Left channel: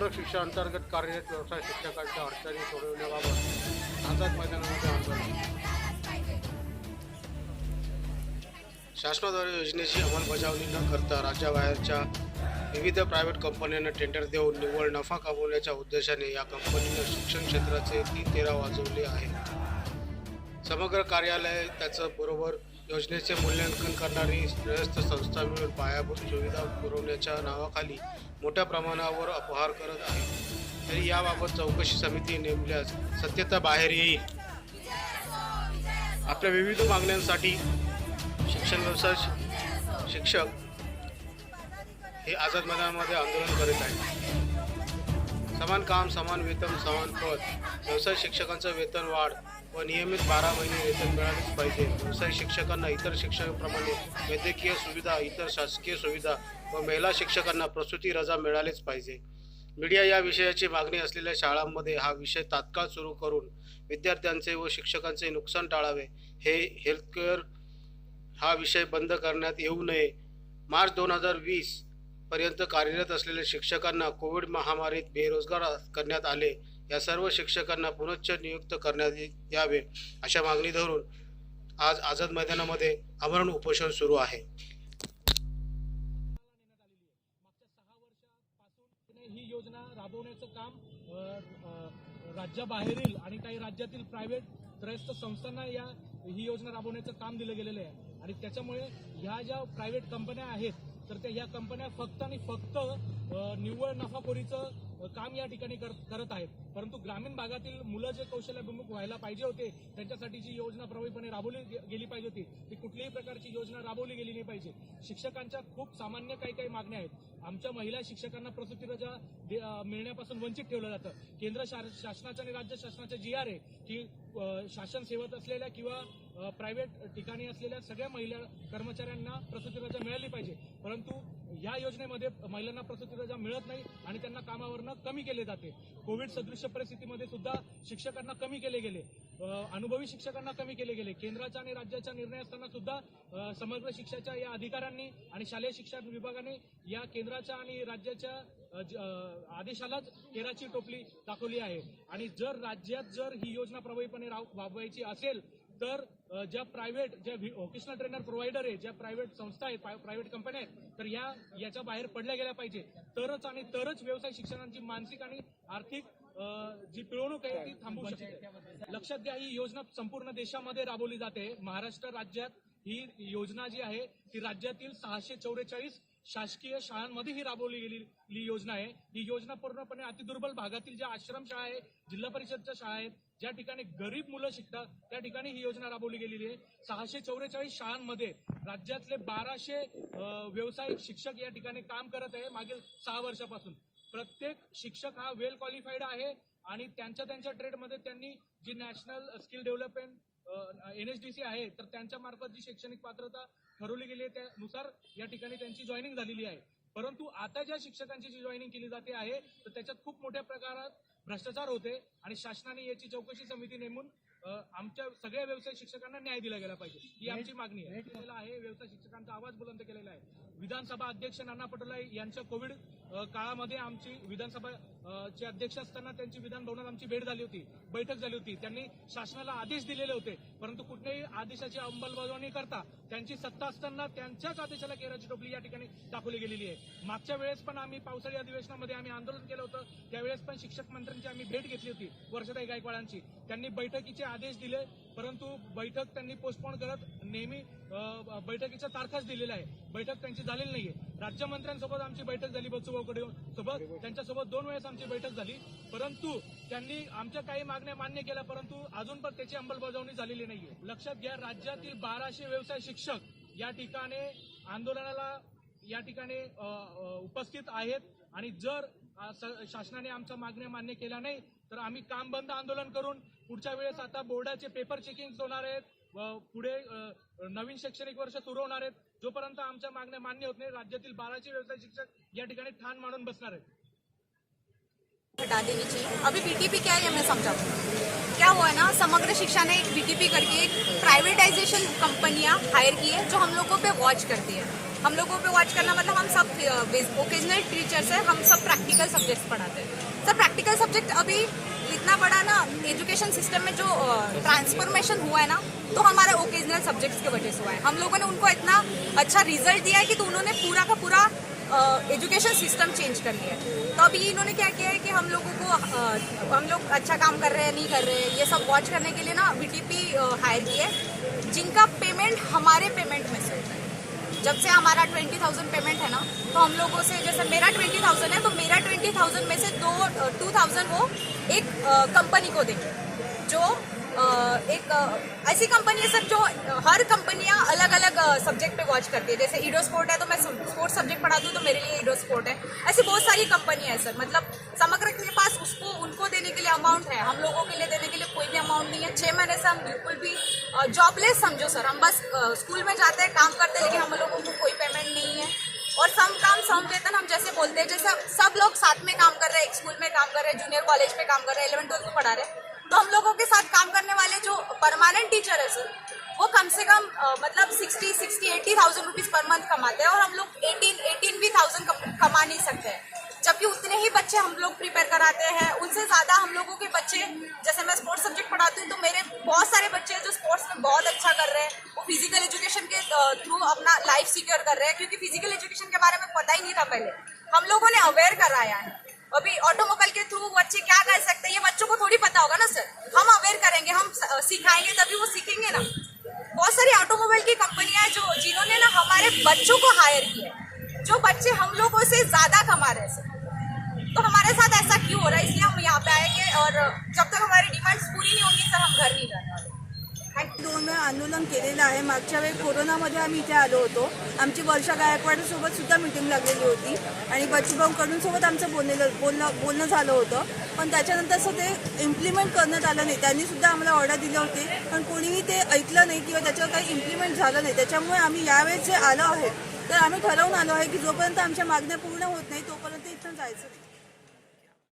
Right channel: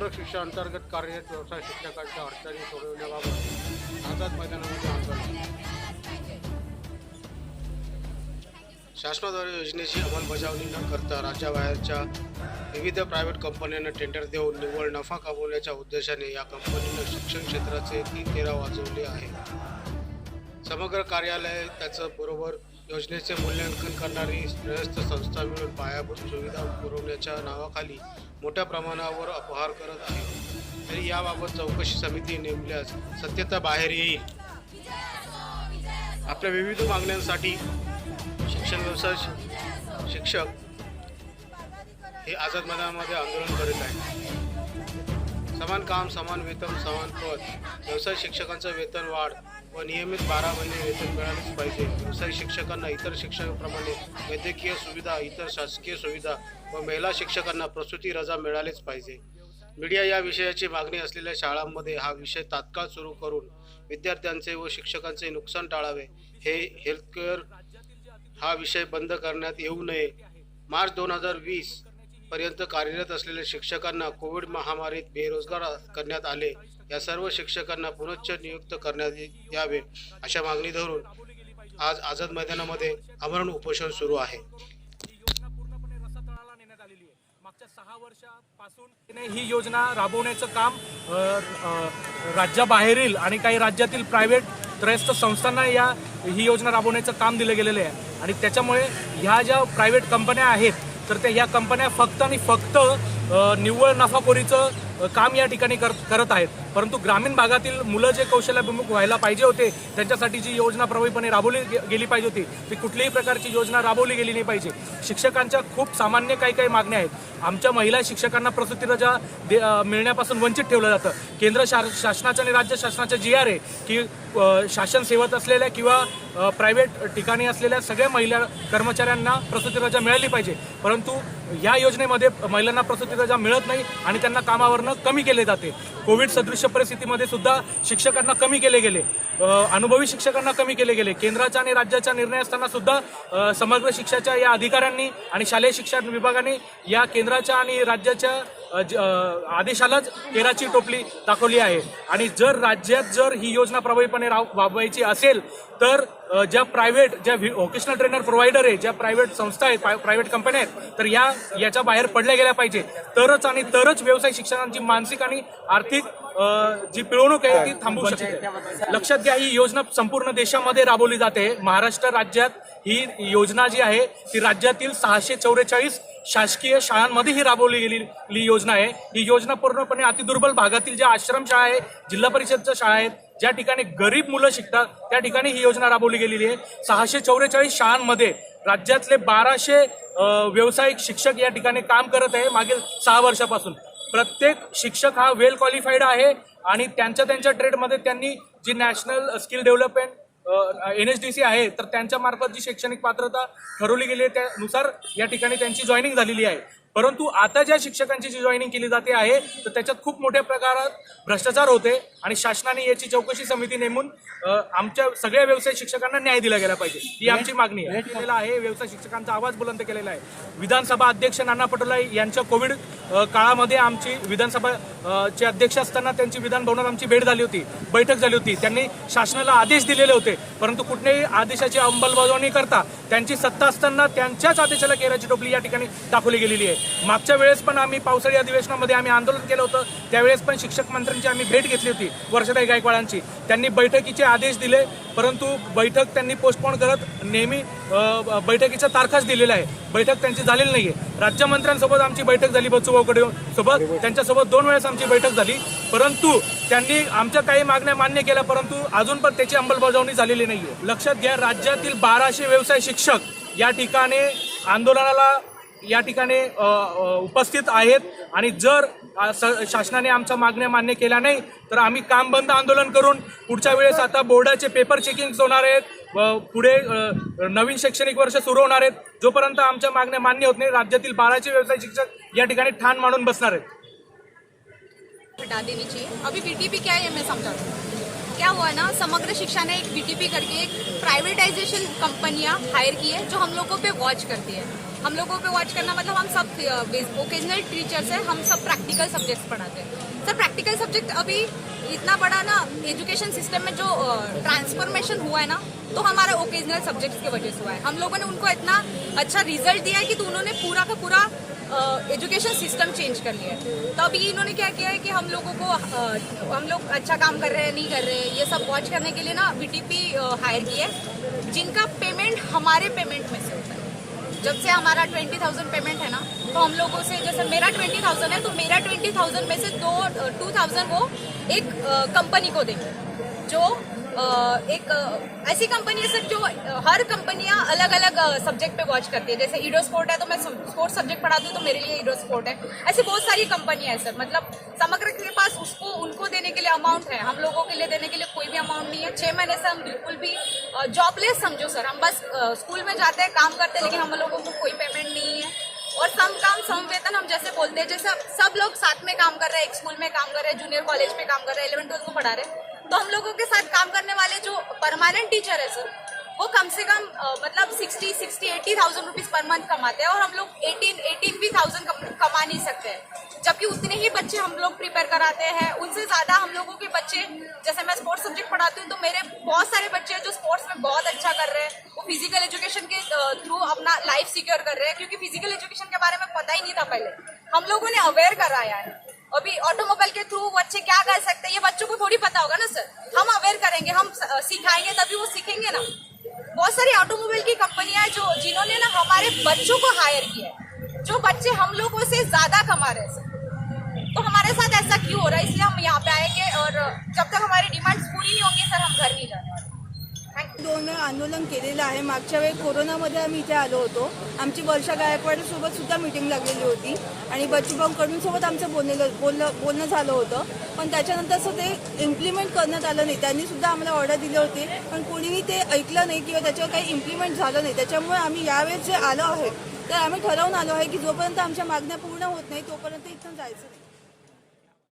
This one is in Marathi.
समग्र शिक्षा अंतर्गत कार्यरत व्यवसाय शिक्षकांच्या अडचणी सोडवण्याबाबत आझाद मैदानामध्ये आंदोलन. शासनाद्वारे योजनेची अंमलबजावणी न करता राज्याबाहेरच्या विविध प्रायव्हेट कंपन्यांना टेंडर देऊन निव्वळ नफा कमवण्याच्या उद्देशाने या कंपनीनं शिक्षण क्षेत्राचे 3-13 वाजवले आहे. समग्र कार्यालय त्याचं बरोबर योजनेचे मूल्यांकन करणारी श्रेयस्थ संस्था मिळून पायाभूत सुविधा पुरवण्याच्या नावाखाली मोठ्या प्रमाणावर अपहार करत आहे. तरी याबाबत चौकशी समिती नेमल्यास सत्यता बाहेर येईल. आपल्या विविध मागण्यांसाठी शिक्षण व्यवसाय शिक्षक हे आझाद मैदानामध्ये आंदोलन करीत आहेत. समान काम, समान वेतन, समान पद. व्यवसाय शिक्षकांचं वेतन वाढ व नियमित 12 महिने वेतन मिळालेच पाहिजे. व्यवसाय शिक्षकांना इतर शिक्षकांप्रमाणे वैद्यकीय सुविधा, इतर शासकीय सुविधा व महिला शिक्षकांना प्रसूती रजा मिळालेच पाहिजे. मीडिया या विषयाची मागणी असलेल्या शाळांमध्ये हा विषय तात्काळ सुरू करून विद्यार्थ्यांचे व शिक्षकांचे नुकसान टाळावे. हे हेल्थकेअर हा विषय बंद करण्यात येऊ नये. मार्च 2020 पर्यंत कार्यरत असलेल्या शिक्षकांना कोविड महामारीत बेरोजगार करण्यात आले. या सर्व शिक्षकांना पुनश्च नियुक्त करण्यात यावे अशा मागणी धरून आज आझाद मैदानामध्ये आमरण उपोषण सुरू आहे. मागच्या 6 वर्षापासून ही योजना राबवण्याचं काम राज्याबाहेरील आणि काही राज्यातील प्रायव्हेट त्रयस्थ संस्थांना ही योजना राबवण्याचं काम दिलं गेलेलं आहे. आणि त्याच्यामुळे ह्या ज्या प्रायव्हेट कंपन्या आहेत तर त्या ह्या कंपन्या फक्त आणि फक्त निव्वळ नफाखोरीचं काम या ठिकाणी करत आहेत. परंतु ग्रामीण भागातील मुलं जे कौशल्याभिमुख व्हायला पाहिजे होते त्यांच्यासाठी जी योजना प्रभावीपणे राबवली गेली पाहिजे होती ती कुठलीही प्रकारची योजना राबवली गेली नाही पाहिजे. शिक्षकांच्या खूप सामान्य काही मागण्या आहेत. आमच्या महिला शिक्षकांना प्रसूती रजा मिळण्यापासून वंचित ठेवलं जातं. केंद्र शासनाच्या आणि राज्य शासनाच्या GR आहे की शासन सेवत असलेल्या किंवा प्रायव्हेट ठिकाणी असलेल्या सगळ्या महिला कर्मचाऱ्यांना प्रसूती रजा मिळाली पाहिजे. परंतु या योजनेमध्ये महिलांना प्रसूती रजा मिळत नाही आणि त्यांना कामावरनं कमी केले जाते. कोविड सदृश परिस्थितीमध्ये सुद्धा शिक्षकांना कमी केले गेले, अनुभवी शिक्षकांना कमी केले गेले. केंद्राच्या आणि राज्याच्या निर्णय असताना सुद्धा समग्र शिक्षाच्या या अधिकाऱ्यांनी आणि शालेय शिक्षण विभागाने या केंद्राच्या आणि राज्याच्या आदेशालाच केराची टोपली दाखवली आहे. आणि जर राज्यात ही योजना प्रभावीपणे राबवायची असेल तर ज्या व्होकेशनल ट्रेनर प्रोव्हायडर आहे, ज्या प्रायव्हेट संस्था आहेत, प्रायव्हेट कंपन्या आहेत तर याच्या बाहेर पडल्या गेल्या पाहिजे. तरच व्यवसाय शिक्षकांची मानसिक आणि आर्थिक जी पिळवणूक आहे ती थांबवू शकते. लक्षात घ्या, ही योजना संपूर्ण देशामध्ये राबवली जाते. महाराष्ट्र राज्यात ही योजना जी आहे ती राज्यातील 644 शासकीय शाळांमध्ये ही राबवली गेलेली योजना आहे. ही योजना पूर्णपणे अतिदुर्बल भागातील ज्या आश्रमशाळा आहे, जिल्हा परिषदच्या शाळा आहेत, ज्या ठिकाणी गरीब मुलं शिकतात त्या ठिकाणी ही योजना राबवली गेलेली आहे. 644 शाळांमध्ये राज्यातले 1200 व्यावसायिक शिक्षक या ठिकाणी काम करत आहे मागील 6 वर्षापासून. प्रत्येक शिक्षक हा वेल क्वालिफाईड आहे आणि त्यांच्या ट्रेडमध्ये त्यांनी जी नॅशनल स्किल डेव्हलपमेंट NSDC आहे तर त्यांच्या मार्फत जी शैक्षणिक पात्रता ठरवली गेली आहे त्यानुसार या ठिकाणी त्यांची जॉईनिंग झालेली आहे. परंतु आता ज्या शिक्षकांची जी जॉईनिंग केली जाते आहे तर त्याच्यात खूप मोठ्या प्रकारात भ्रष्टाचार होते आणि शासनाने याची चौकशी समिती नेमून आमच्या सगळ्या व्यवसाय शिक्षकांना न्याय दिला गेला पाहिजे ही आमची मागणी आहे. व्यवसाय शिक्षकांचा आवाज बुलंद केलेला आहे. विधानसभा अध्यक्ष नाना पटोले यांच्या कोविड काळामध्ये आमची विधानसभाचे अध्यक्ष असताना त्यांची विधान भवनात आमची भेट झाली होती, बैठक झाली होती. त्यांनी शासनाला आदेश दिलेले होते परंतु कुठल्याही आदेशाची अंमलबजावणी करता त्यांची सत्ता असताना त्यांच्याच आदेशाला केराची टोपली या ठिकाणी दाखवली गेलेली आहे. मागच्या वेळेस पण आम्ही पावसाळी अधिवेशनामध्ये आंदोलन केलं होतं. त्यावेळेस पण शिक्षक मंत्र्यांची आम्ही भेट घेतली होती, वर्षाताई गायकवाडांची. त्यांनी बैठकीचे आदेश दिले परंतु बैठक त्यांनी पोस्टपोन करत नेहमी बैठकीच्या तारखाच दिलेल्या आहे. बैठक त्यांची झालेली नाहीये. राज्यमंत्र्यांसोबत आमची बैठक झाली, बच्चूभाऊ कडे सोबत, त्यांच्यासोबत 2 वेळेस आमची बैठक झाली परंतु त्यांनी आमच्या काही मागण्या मान्य केल्या परंतु अजून पण त्याची अंमलबजावणी झालेली नाहीये. लक्षात घ्या, राज्यातील 1200 व्यवसाय शिक्षक या ठिकाणी आंदोलनाला या ठिकाणी उपस्थित आहेत आणि जर शासनाने आमच्या मागण्या मान्य केल्या नाही तर आम्ही काम बंद आंदोलन करून पुढच्या वेळेस आता बोर्डाचे पेपर चेकिंग होणार आहेत, पुढे नवीन शैक्षणिक वर्ष सुरू होणार आहेत. जोपर्यंत आमच्या मागण्या मान्य होत नाही राज्यातील 1200 व्यवसाय शिक्षक या ठिकाणी ठाण मांडून बसणार आहेत. हटा देनी चाहिए. अभी BTP क्या है मैं समझाती हूँ. क्या हुआ है ना, समग्र शिक्षा ने एक BTP करके एक प्राइवेटाइजेशन कंपनियां हायर की है जो हम लोगों पे वॉच करती है. हम लोगों पे वॉच करना मतलब हम सब ओकेजनल टीचर्स है, हम सब प्रैक्टिकल सब्जेक्ट्स पढ़ाते हैं। सर प्रैक्टिकल सब्जेक्ट अभी इतना बड़ा ना एजुकेशन सिस्टम में जो ट्रांसफॉर्मेशन हुआ है ना, तो हमारा ओकेजनल सब्जेक्ट्स की वजह से हुआ है। हम लोगों ने उनको इतना अच्छा रिजल्ट दिया है कि तो उन्होंने पूरा का पूरा एजुकेशन सिस्टम चेंज कर लिया है। तो अभी इन्होंने क्या किया है कि हम लोगों को हम लोग अच्छा काम कर रहे हैं नहीं कर रहे हैं ये सब वॉच करने के लिए ना VTP हायर किए, जिनका पेमेंट हमारे पेमेंट में से होता है। जब से हमारा 20,000 पेमेंट है ना, तो हम लोगों से जैसे मेरा 20,000 है तो मेरा 20,000 में से 2,000 वो एक कंपनी को देंगे, जो एक ऐसी कंपनी है सर जो हर कंपनियां अलग अलग सब्जेक्ट पे वॉच करती है। जैसे ईडो स्पोर्ट है तो मैं स्पोर्ट्स सब्जेक्ट पढ़ाती हूँ तो मेरे लिए ईडो स्पोर्ट है। ऐसी बहुत सारी कंपनियां हैं सर, मतलब समग्र के पास उसको उनको देने के लिए अमाउंट है, हम लोगों के लिए देने के लिए कोई भी अमाउंट नहीं है। 6 महीने से हम बिल्कुल भी जॉबलेस समझो सर, हम बस स्कूल में जाते हैं काम करते हैं, लेकिन हम लोगों को कोई पेमेंट नहीं है। और सम काम सम वेतन हम जैसे बोलते हैं, जैसे सब लोग साथ में काम कर रहे हैं, एक स्कूल में काम कर रहे हैं, जूनियर कॉलेज पे काम कर रहे हैं, 11th-12th को पढ़ा रहे हैं, तो हम लोगों के साथ काम करने वाले जो परमानेंट टीचर है सर, वो कम से कम मतलब 80,000 रुपीज पर मंथ कमाते हैं, और हम लोग 18,000 कमा नहीं सकते हैं। जबकि उतने ही बच्चे हम लोग प्रिपेयर कराते हैं, उनसे ज्यादा हम लोगों के बच्चे, जैसे मैं स्पोर्ट्स सब्जेक्ट पढ़ाती हूँ तो मेरे बहुत सारे बच्चे हैं जो स्पोर्ट्स में बहुत अच्छा कर रहे हैं, वो फिजिकल एजुकेशन के थ्रू अपना लाइफ सिक्योर कर रहे हैं, क्योंकि फिजिकल एजुकेशन के बारे में पता ही नहीं था पहले, हम लोगों ने अवेयर कराया है। अभी ऑटोमोबाइल के थ्रू बच्चे क्या कर सकते हैं ये बच्चों को थोड़ी पता होगा ना सर, हम अवेयर करेंगे, हम सिखाएंगे तभी वो सीखेंगे ना। बहुत सारी ऑटोमोबाइल की कंपनियां हैं जिन्होंने ना हमारे बच्चों को हायर किया है, जो बच्चे हम लोगों से ज्यादा कमा रहे हैं सर। तो हमारे साथ ऐसा क्यों हो रहा है, इसलिए हम यहाँ पे आएंगे, और जब तक हमारी डिमांड्स पूरी नहीं होंगी सर हम घर नहीं जाने वाले। 2 वेळा आंदोलन केलेलं आहे। मागच्या वेळी कोरोनामध्ये आम्ही इथे आलो होतो, आमची वर्षा गायकवाड सोबत सुद्धा मीटिंग लागलेली होती आणि बच्चूभाऊ कडून सोबत आमचं बोलणं झालं होतं, पण त्याच्यानंतर असं ते इम्प्लिमेंट करण्यात आलं नाही। त्यांनी सुद्धा आम्हाला ऑर्डर दिले होते, पण कोणीही ते ऐकलं नाही किंवा त्याच्यावर काही इम्प्लिमेंट झालं नाही। त्याच्यामुळे आम्ही यावेळेस जे आलो आहे तर आम्ही ठरवून आलो आहे की जोपर्यंत आमच्या मागण्या पूर्ण होत नाही तोपर्यंत इथून जायचं नाही।